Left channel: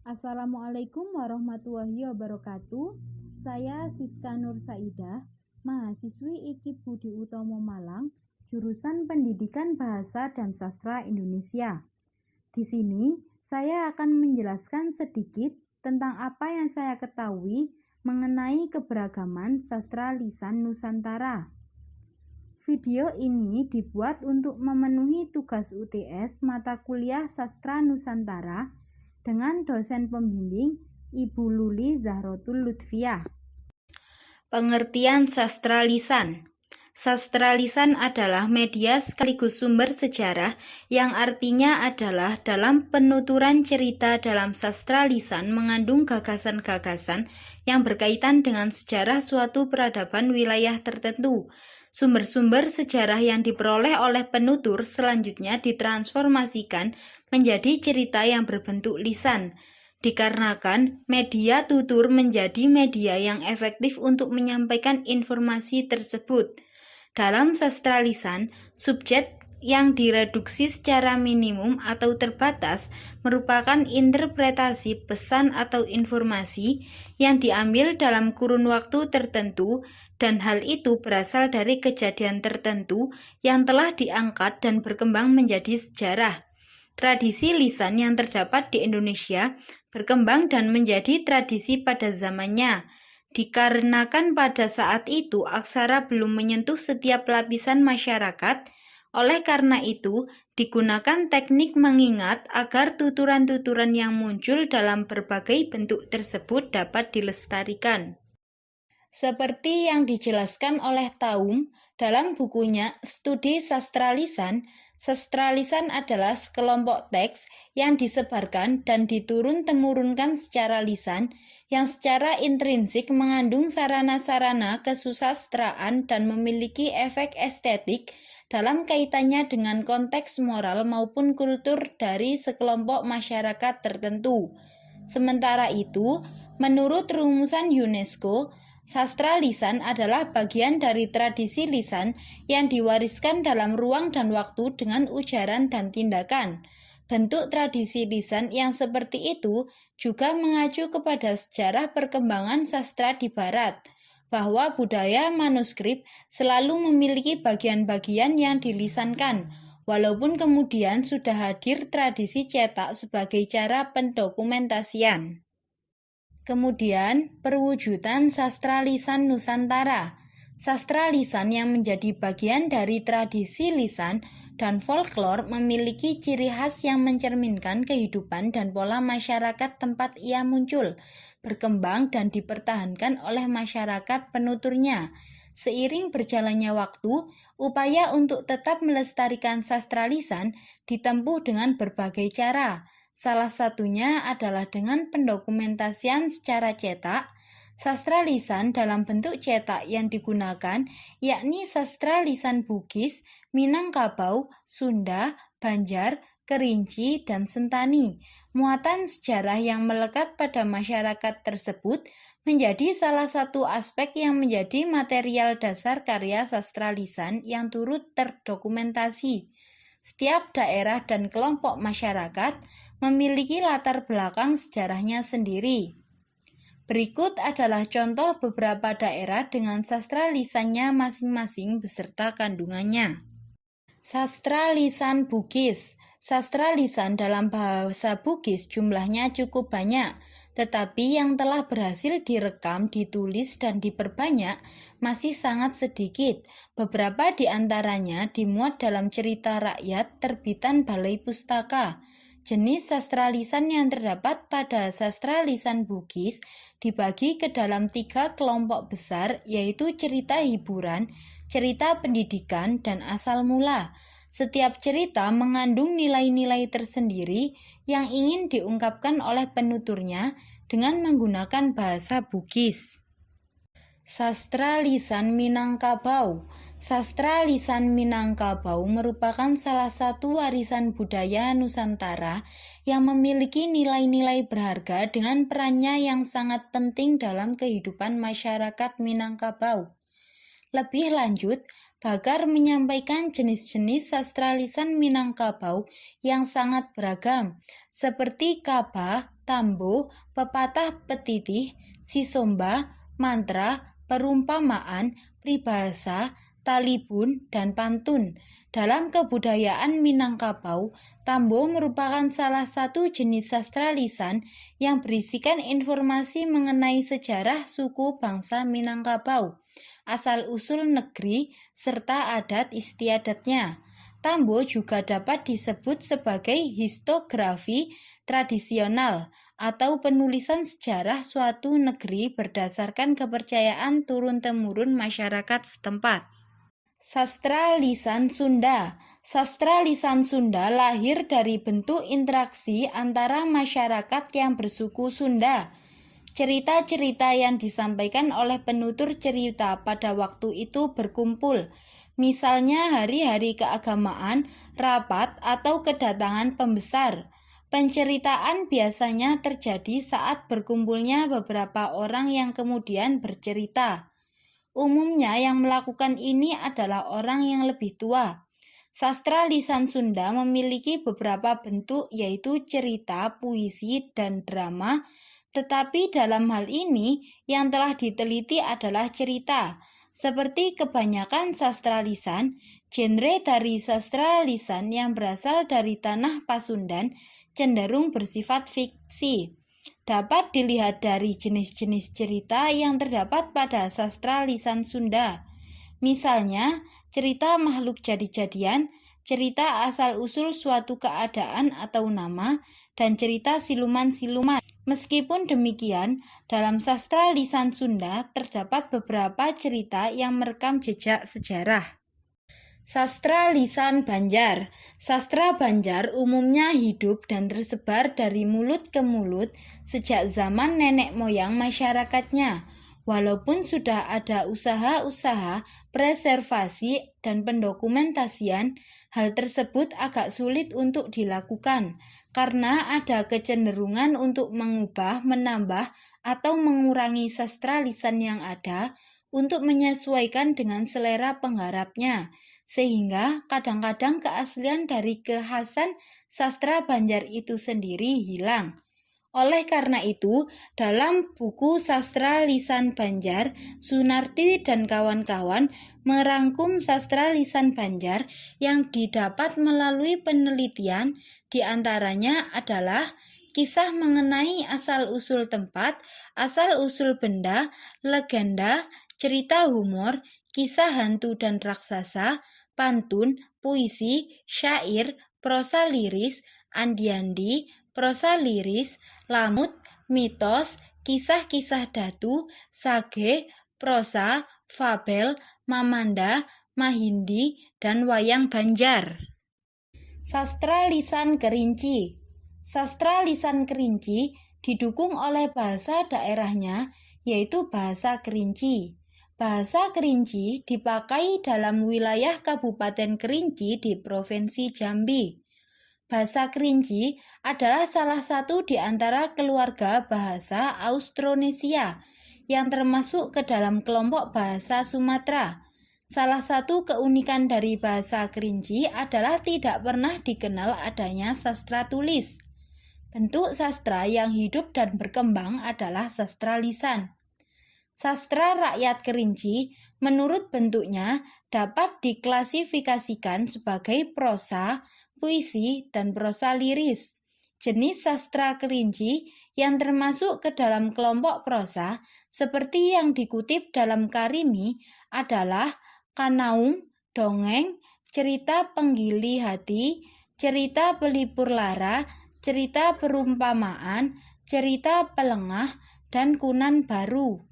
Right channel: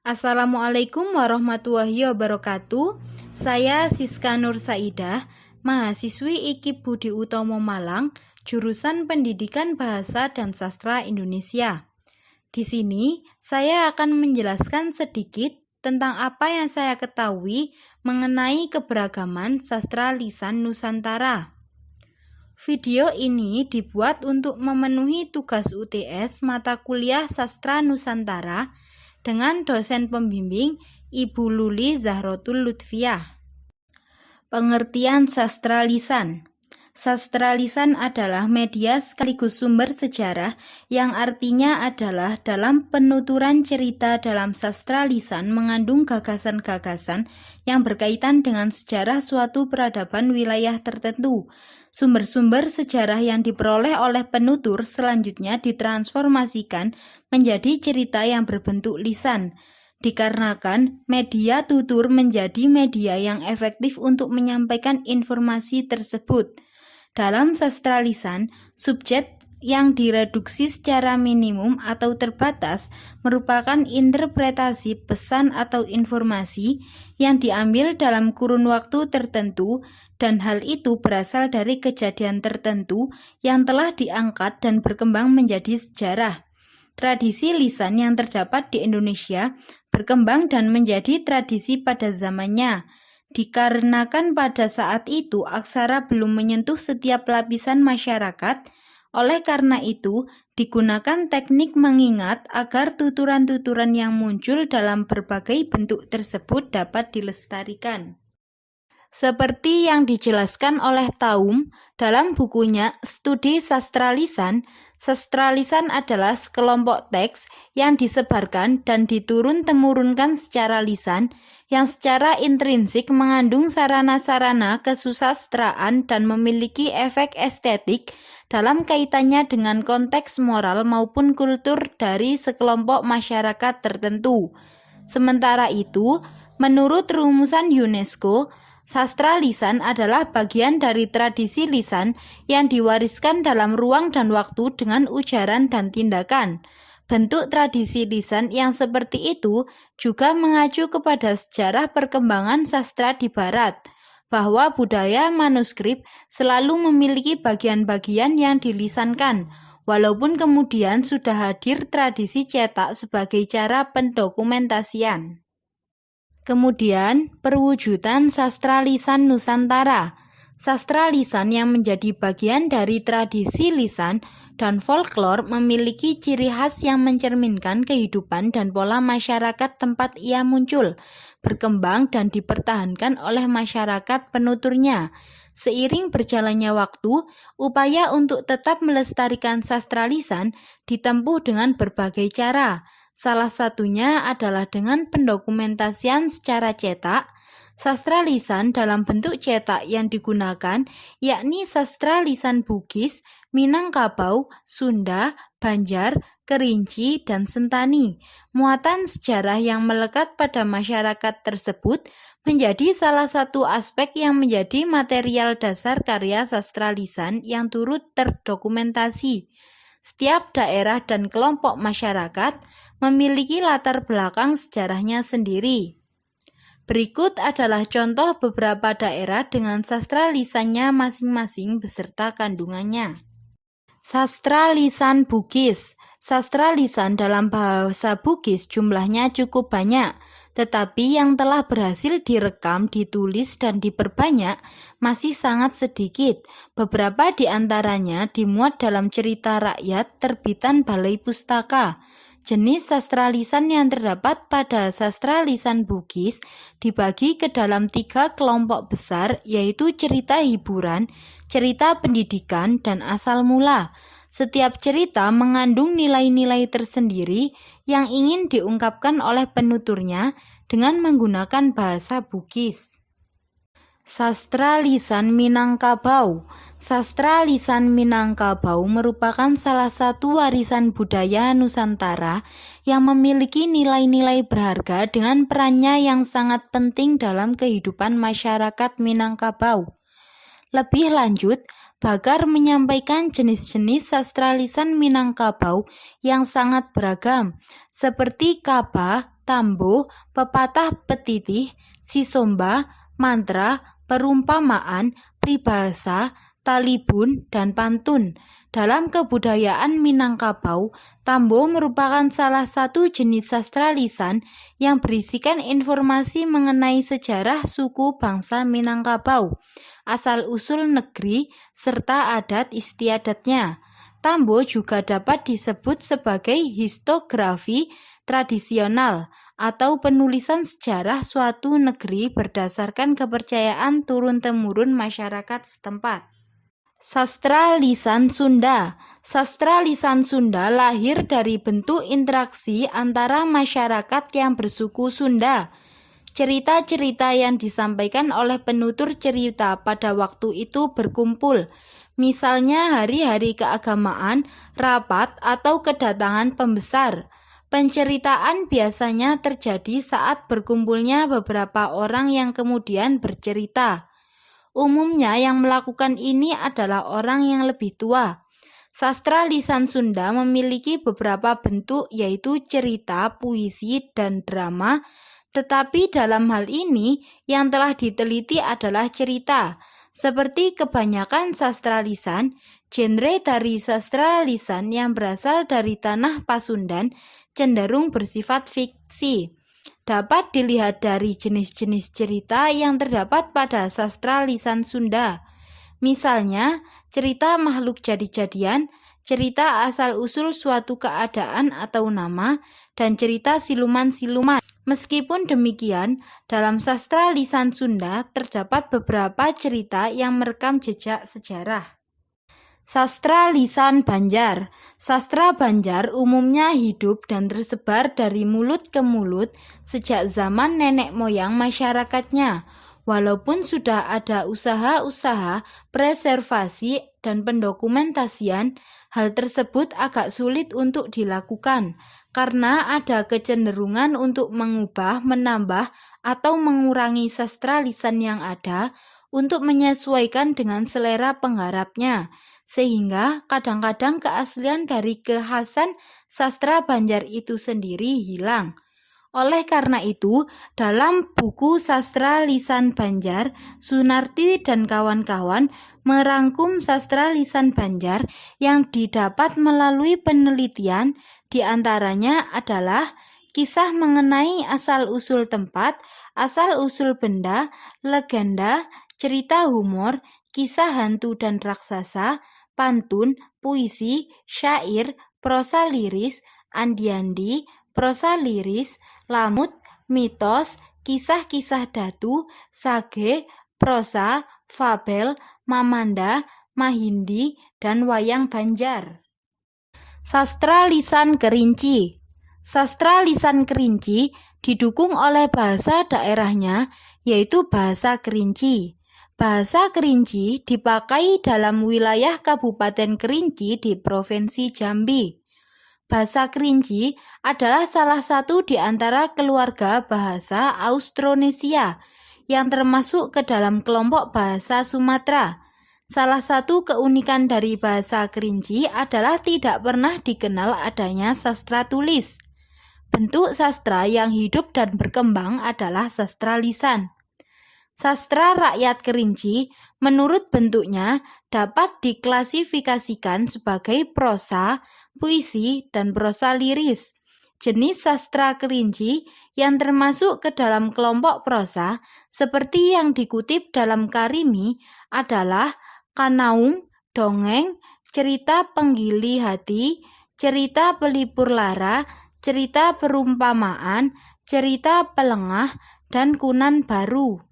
Assalamualaikum warahmatullahi wabarakatuh. Saya Siska Nur Saidah, mahasiswi IKIP Budi Utomo Malang, jurusan Pendidikan Bahasa dan Sastra Indonesia. Di sini, saya akan menjelaskan sedikit tentang apa yang saya ketahui mengenai keberagaman sastra lisan Nusantara. Video ini dibuat untuk memenuhi tugas UTS mata kuliah Sastra Nusantara dengan dosen pembimbing Ibu Luli Zahrotul Lutfiah. Pengertian sastra lisan. Sastra lisan adalah media sekaligus sumber sejarah yang artinya adalah dalam penuturan cerita dalam sastra lisan mengandung gagasan-gagasan yang berkaitan dengan sejarah suatu peradaban wilayah tertentu. Sumber-sumber sejarah yang diperoleh oleh penutur selanjutnya ditransformasikan menjadi cerita yang berbentuk lisan. Dikarenakan media tutur menjadi media yang efektif untuk menyampaikan informasi tersebut. Dalam sastra lisan, subjek yang direduksi secara minimum atau terbatas merupakan interpretasi pesan atau informasi yang diambil dalam kurun waktu tertentu, dan hal itu berasal dari kejadian tertentu yang telah diangkat dan berkembang menjadi sejarah. Tradisi lisan yang terdapat di Indonesia berkembang dan menjadi tradisi pada zamannya. Dikarenakan pada saat itu aksara belum menyentuh setiap lapisan masyarakat, oleh karena itu digunakan teknik mengingat agar tuturan-tuturan yang muncul dalam berbagai bentuk tersebut dapat dilestarikan. Seperti yang dijelaskan oleh Taum dalam bukunya Studi Sastra Lisan adalah sekelompok teks yang disebarkan dan diturun-temurunkan secara lisan yang secara intrinsik mengandung sarana-sarana kesusastraan dan memiliki efek estetik dalam kaitannya dengan konteks moral maupun kultur dari sekelompok masyarakat tertentu. Sementara itu, menurut rumusan UNESCO, sastra lisan adalah bagian dari tradisi lisan yang diwariskan dalam ruang dan waktu dengan ujaran dan tindakan. Bentuk tradisi lisan yang seperti itu juga mengacu kepada sejarah perkembangan sastra di Barat, bahwa budaya manuskrip selalu memiliki bagian-bagian yang dilisankan, walaupun kemudian sudah hadir tradisi cetak sebagai cara pendokumentasian. Kemudian, perwujudan sastra lisan Nusantara. Sastra lisan yang menjadi bagian dari tradisi lisan dan folklore memiliki ciri khas yang mencerminkan kehidupan dan pola masyarakat tempat ia muncul, berkembang dan dipertahankan oleh masyarakat penuturnya. Seiring berjalannya waktu, upaya untuk tetap melestarikan sastra lisan ditempuh dengan berbagai cara. Salah satunya adalah dengan pendokumentasian secara cetak. Sastra lisan dalam bentuk cetak yang digunakan yakni sastra lisan Bugis, Minangkabau, Sunda, Banjar, Kerinci, dan Sentani. Muatan sejarah yang melekat pada masyarakat tersebut menjadi salah satu aspek yang menjadi material dasar karya sastra lisan yang turut terdokumentasi. Setiap daerah dan kelompok masyarakat memiliki latar belakang sejarahnya sendiri. Berikut adalah contoh beberapa daerah dengan sastra lisannya masing-masing beserta kandungannya. Sastra lisan Bugis. Sastra lisan dalam bahasa Bugis jumlahnya cukup banyak, tetapi yang telah berhasil direkam, ditulis, dan diperbanyak masih sangat sedikit. Beberapa di antaranya dimuat dalam cerita rakyat terbitan Balai Pustaka. Jenis sastra lisan yang terdapat pada sastra lisan Bugis dibagi ke dalam 3 kelompok besar, yaitu cerita hiburan, cerita pendidikan, dan asal mula. Setiap cerita mengandung nilai-nilai tersendiri yang ingin diungkapkan oleh penuturnya dengan menggunakan bahasa Bugis. Sastra lisan Minangkabau. Sastra lisan Minangkabau merupakan salah satu warisan budaya Nusantara yang memiliki nilai-nilai berharga dengan perannya yang sangat penting dalam kehidupan masyarakat Minangkabau. Lebih lanjut, Bakar menyampaikan jenis-jenis sastra lisan Minangkabau yang sangat beragam, seperti Kaba, tambo, pepatah petitih, sisomba, mantra, perumpamaan, pribahasa, talibun, dan pantun. Dalam kebudayaan Minangkabau, tambo merupakan salah satu jenis sastra lisan yang berisikan informasi mengenai sejarah suku bangsa Minangkabau, asal-usul negeri, serta adat istiadatnya. Tambo juga dapat disebut sebagai histografi tradisional atau penulisan sejarah suatu negeri berdasarkan kepercayaan turun-temurun masyarakat setempat. Sastra lisan Sunda. Sastra lisan Sunda lahir dari bentuk interaksi antara masyarakat yang bersuku Sunda. Cerita-cerita yang disampaikan oleh penutur cerita pada waktu itu berkumpul. Misalnya hari-hari keagamaan, rapat, atau kedatangan pembesar. Penceritaan biasanya terjadi saat berkumpulnya beberapa orang yang kemudian bercerita. Umumnya yang melakukan ini adalah orang yang lebih tua. Sastra lisan Sunda memiliki beberapa bentuk yaitu cerita, puisi, dan drama, tetapi dalam hal ini yang telah diteliti adalah cerita. Seperti kebanyakan sastra lisan, genre dari sastra lisan yang berasal dari tanah Pasundan cenderung bersifat fiksi. Dapat dilihat dari jenis-jenis cerita yang terdapat pada sastra lisan Sunda. Misalnya, cerita makhluk jadi-jadian, cerita asal-usul suatu keadaan atau nama, dan cerita siluman-siluman. Meskipun demikian, dalam sastra lisan Sunda terdapat beberapa cerita yang merekam jejak sejarah. Sastra lisan Banjar. Sastra Banjar umumnya hidup dan tersebar dari mulut ke mulut sejak zaman nenek moyang masyarakatnya. Walaupun sudah ada usaha-usaha preservasi dan pendokumentasian, hal tersebut agak sulit untuk dilakukan karena ada kecenderungan untuk mengubah, menambah, atau mengurangi sastra lisan yang ada untuk menyesuaikan dengan selera penggarapnya, sehingga kadang-kadang keaslian dari kekhasan sastra Banjar itu sendiri hilang. Oleh karena itu, dalam buku Sastra Lisan Banjar, Sunarti dan kawan-kawan merangkum sastra lisan Banjar yang didapat melalui penelitian, diantaranya adalah kisah mengenai asal-usul tempat, asal-usul benda, legenda, cerita humor, kisah hantu dan raksasa, pantun, puisi, syair, prosa liris, andi-andi, prosa liris, lamut, mitos, kisah-kisah datu, sage, prosa, fabel, mamanda, mahindi, dan wayang Banjar. Sastra lisan Kerinci. Sastra lisan Kerinci didukung oleh bahasa daerahnya, yaitu bahasa Kerinci. Bahasa Kerinci dipakai dalam wilayah Kabupaten Kerinci di Provinsi Jambi. Bahasa Kerinci adalah salah satu di antara keluarga bahasa Austronesia yang termasuk ke dalam kelompok bahasa Sumatera. Salah satu keunikan dari bahasa Kerinci adalah tidak pernah dikenal adanya sastra tulis. Bentuk sastra yang hidup dan berkembang adalah sastra lisan. Sastra rakyat Kerinci menurut bentuknya dapat diklasifikasikan sebagai prosa, puisi, dan prosa liris. Jenis sastra Kerinci yang termasuk ke dalam kelompok prosa seperti yang dikutip dalam Karimi adalah kanaung, dongeng, cerita penggili hati, cerita pelipur lara, cerita perumpamaan, cerita pelengah, dan kunan baru.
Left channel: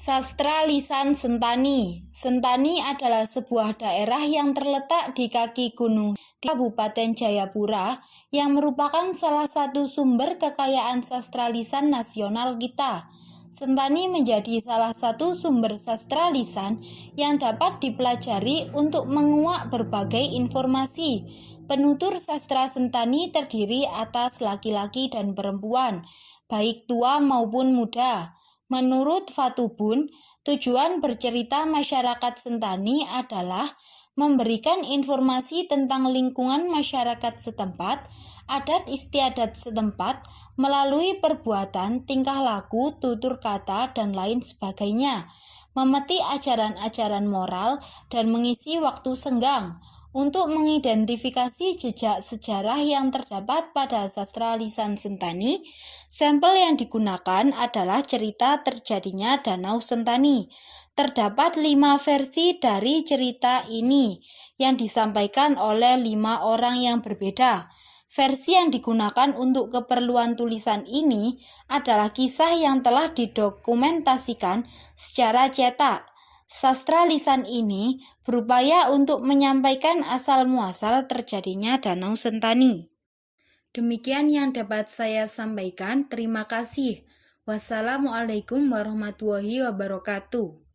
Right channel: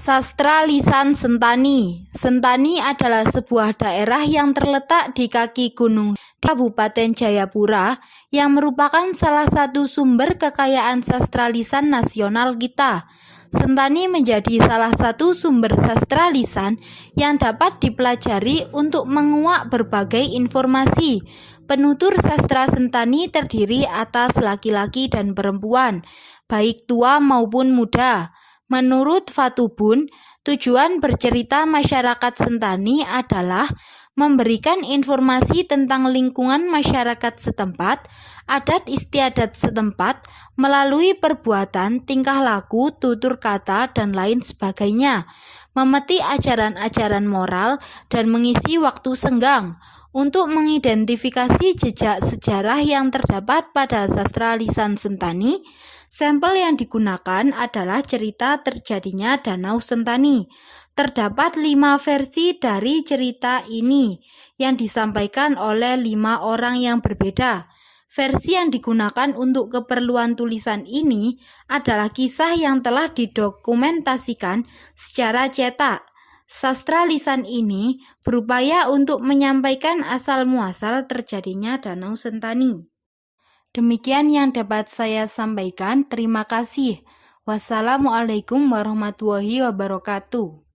Sastra lisan Sentani. Sentani adalah sebuah daerah yang terletak di kaki gunung Kabupaten Jayapura yang merupakan salah satu sumber kekayaan sastra lisan nasional kita. Sentani menjadi salah satu sumber sastra lisan yang dapat dipelajari untuk menguak berbagai informasi. Penutur sastra Sentani terdiri atas laki-laki dan perempuan, baik tua maupun muda. Menurut Fatubun, tujuan bercerita masyarakat Sentani adalah memberikan informasi tentang lingkungan masyarakat setempat adat istiadat setempat melalui perbuatan, tingkah laku, tutur kata, dan lain sebagainya, memetik ajaran-ajaran moral, dan mengisi waktu senggang untuk mengidentifikasi jejak sejarah yang terdapat pada sastra lisan Sentani. Sampel yang digunakan adalah cerita terjadinya Danau Sentani. Terdapat 5 versi dari cerita ini yang disampaikan oleh 5 orang yang berbeda. Versi yang digunakan untuk keperluan tulisan ini adalah kisah yang telah didokumentasikan secara cetak. Sastra lisan ini berupaya untuk menyampaikan asal-muasal terjadinya Danau Sentani. Demikian yang dapat saya sampaikan. Terima kasih. Wassalamualaikum warahmatullahi wabarakatuh.